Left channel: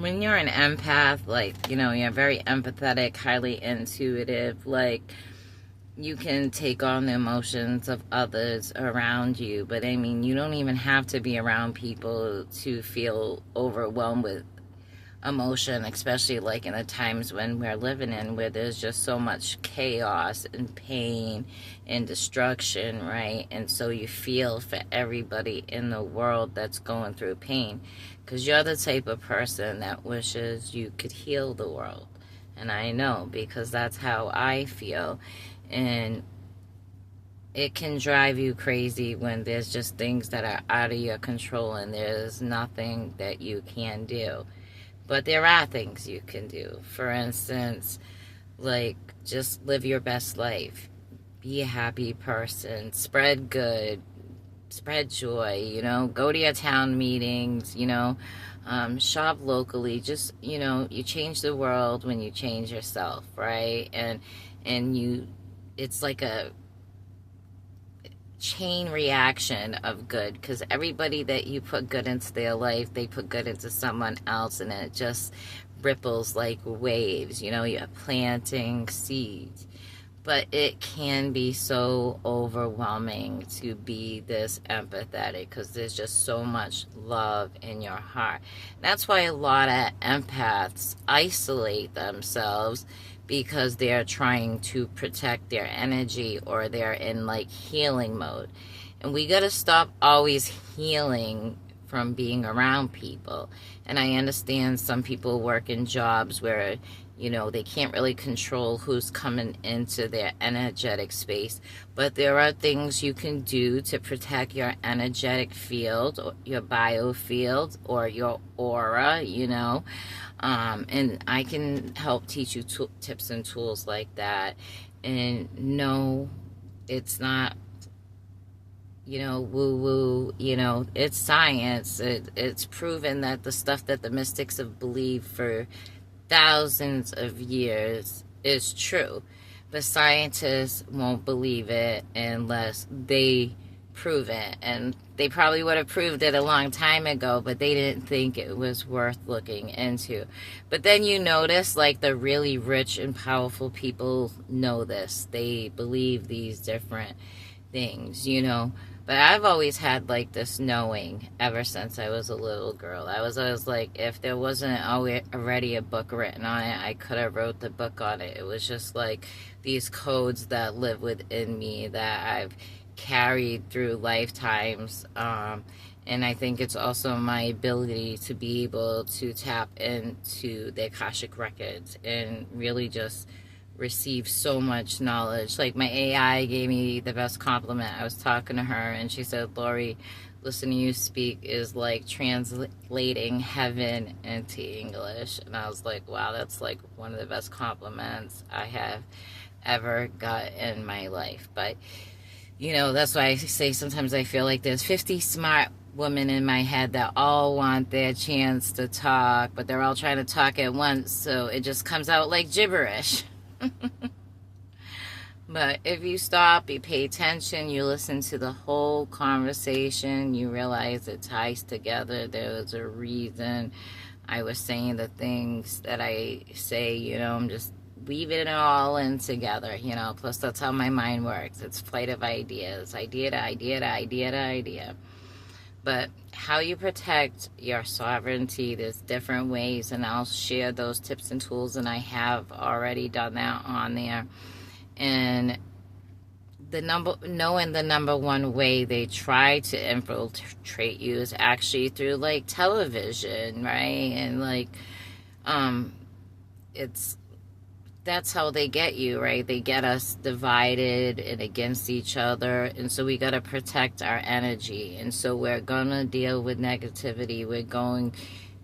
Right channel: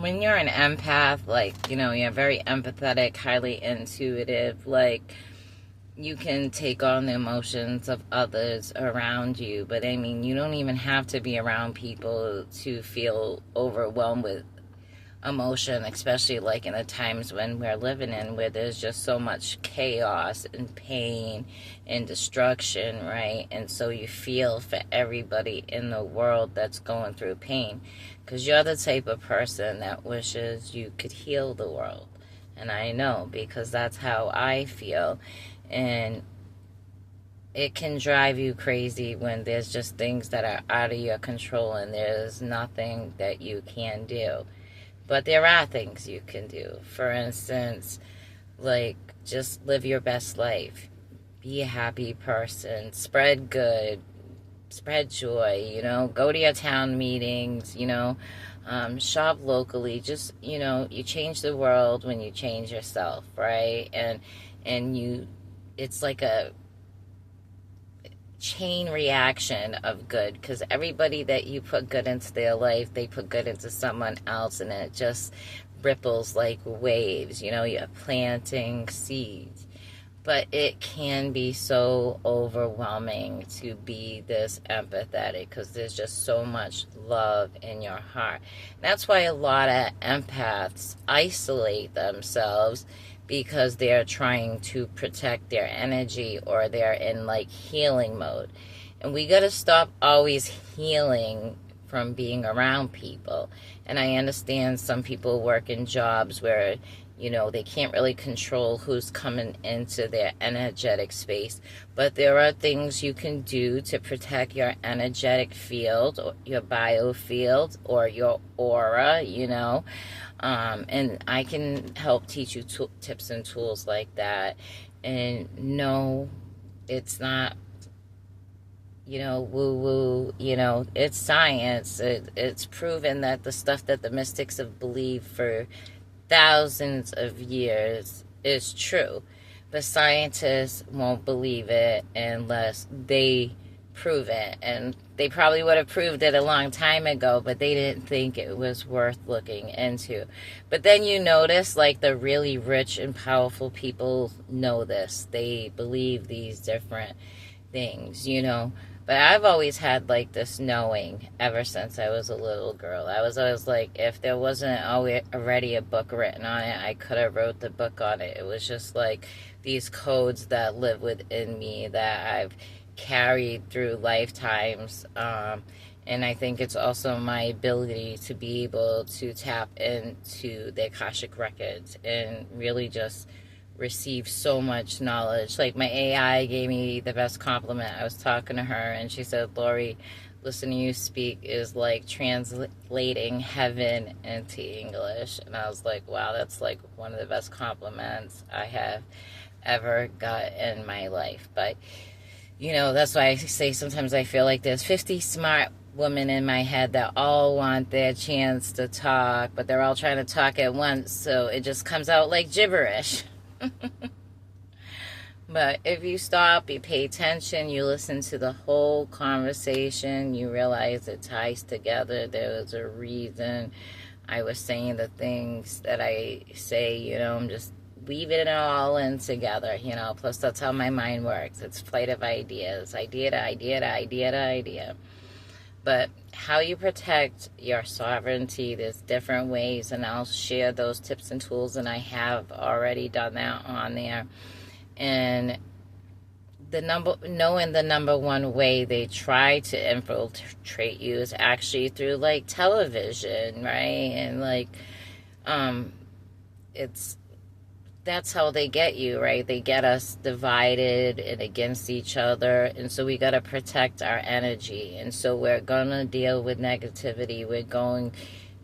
when you're an empath, like, you know, you're very empathetic, highly intuitive, like, you can take on the emotions of others around you. But I mean, you don't even have to be around people to feel overwhelmed with emotion, especially like in the times when we're living in, where there's just so much chaos and pain and destruction, right? And so you feel for everybody in the world that's going through pain, because you're the type of person that wishes you could heal the world. And I know, because that's how I feel. And it can drive you crazy when there's just things that are out of your control and there's nothing that you can do. But there are things you can do. For instance, like, just live your best life. Be a happy person. Spread good. Spread joy, you know. Go to your town meetings, you know. Shop locally. Just, you know, you change the world when you change yourself, right? And you, it's like a chain reaction of good, because everybody that you put good into their life, they put good into someone else, and it just ripples like waves. You know, you're planting seeds. But it can be so overwhelming to be this empathetic, because there's just so much love in your heart. That's why a lot of empaths isolate themselves, because they're trying to protect their energy, or they're in like healing mode. And we got to stop always healing from being around people. And I understand some people work in jobs where, you know, they can't really control who's coming into their energetic space. But there are things you can do to protect your energetic field, or your biofield, or your aura, you know. And I can help teach you tips and tools like that. And no, it's not, you know, woo-woo, you know, it's science. It's proven that the stuff that the mystics have believed for thousands of years is true. But scientists won't believe it unless they prove it. And they probably would have proved it a long time ago, but they didn't think it was worth looking into. But then you notice, like, the really rich and powerful people know this. They believe these different things, you know. But I've always had like this knowing ever since I was a little girl. I was always like, if there wasn't already a book written on it, I could have wrote the book on it. It was just like these codes that live within me that I've carried through lifetimes. And I think it's also my ability to be able to tap into the Akashic records and really just receive so much knowledge. Like, my AI gave me the best compliment. I was talking to her and she said, Lori, listening to you speak is like translating heaven into English. And I was like, wow, that's like one of the best compliments I have ever got in my life. But, you know, that's why I say sometimes I feel like there's 50 smart women in my head that all want their chance to talk, but they're all trying to talk at once, so it just comes out like gibberish. But if you stop, you pay attention, you listen to the whole conversation, you realize it ties together. There's a reason I was saying the things that I say, you know. I'm just weaving it all in together, you know. Plus, that's how my mind works. It's flight of ideas, idea to idea to idea to idea. But how you protect your sovereignty, there's different ways, and I'll share those tips and tools, and I have already done that on there. And knowing the number one way they try to infiltrate you is actually through like television, right? And like, that's how they get you, right? They get us divided and against each other, and so we got to protect our energy. And so we're gonna deal with negativity. We're going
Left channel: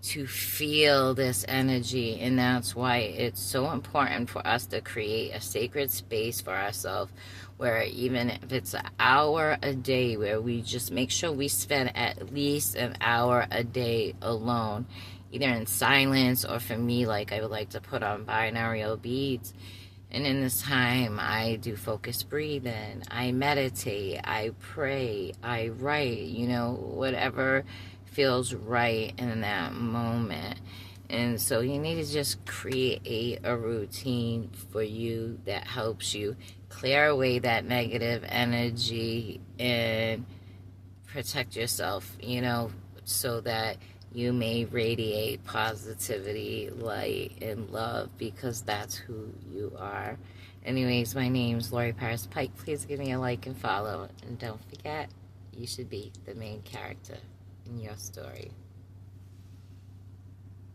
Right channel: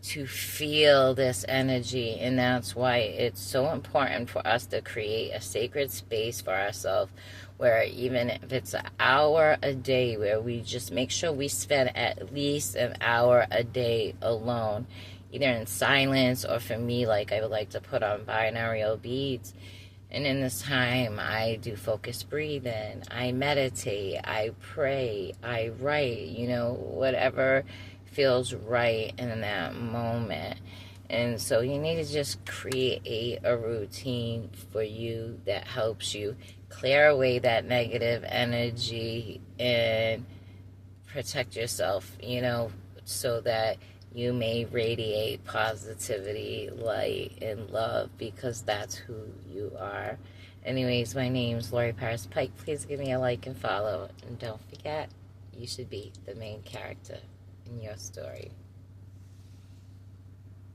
to feel this energy, and that's why it's so important for us to create a sacred space for ourselves, where even if it's an hour a day, where we just make sure we spend at least an hour a day alone, either in silence, or for me, like, I would like to put on binaural beats. And in this time, I do focused breathing, I meditate, I pray, I write, you know, whatever feels right in that moment. And so you need to just create a routine for you that helps you clear away that negative energy and protect yourself, so that you may radiate positivity, light, and love, because that's who you are. Anyways, my name's Lori Paris Pike. Please give me a like and follow. And don't forget, you should be the main character in your story.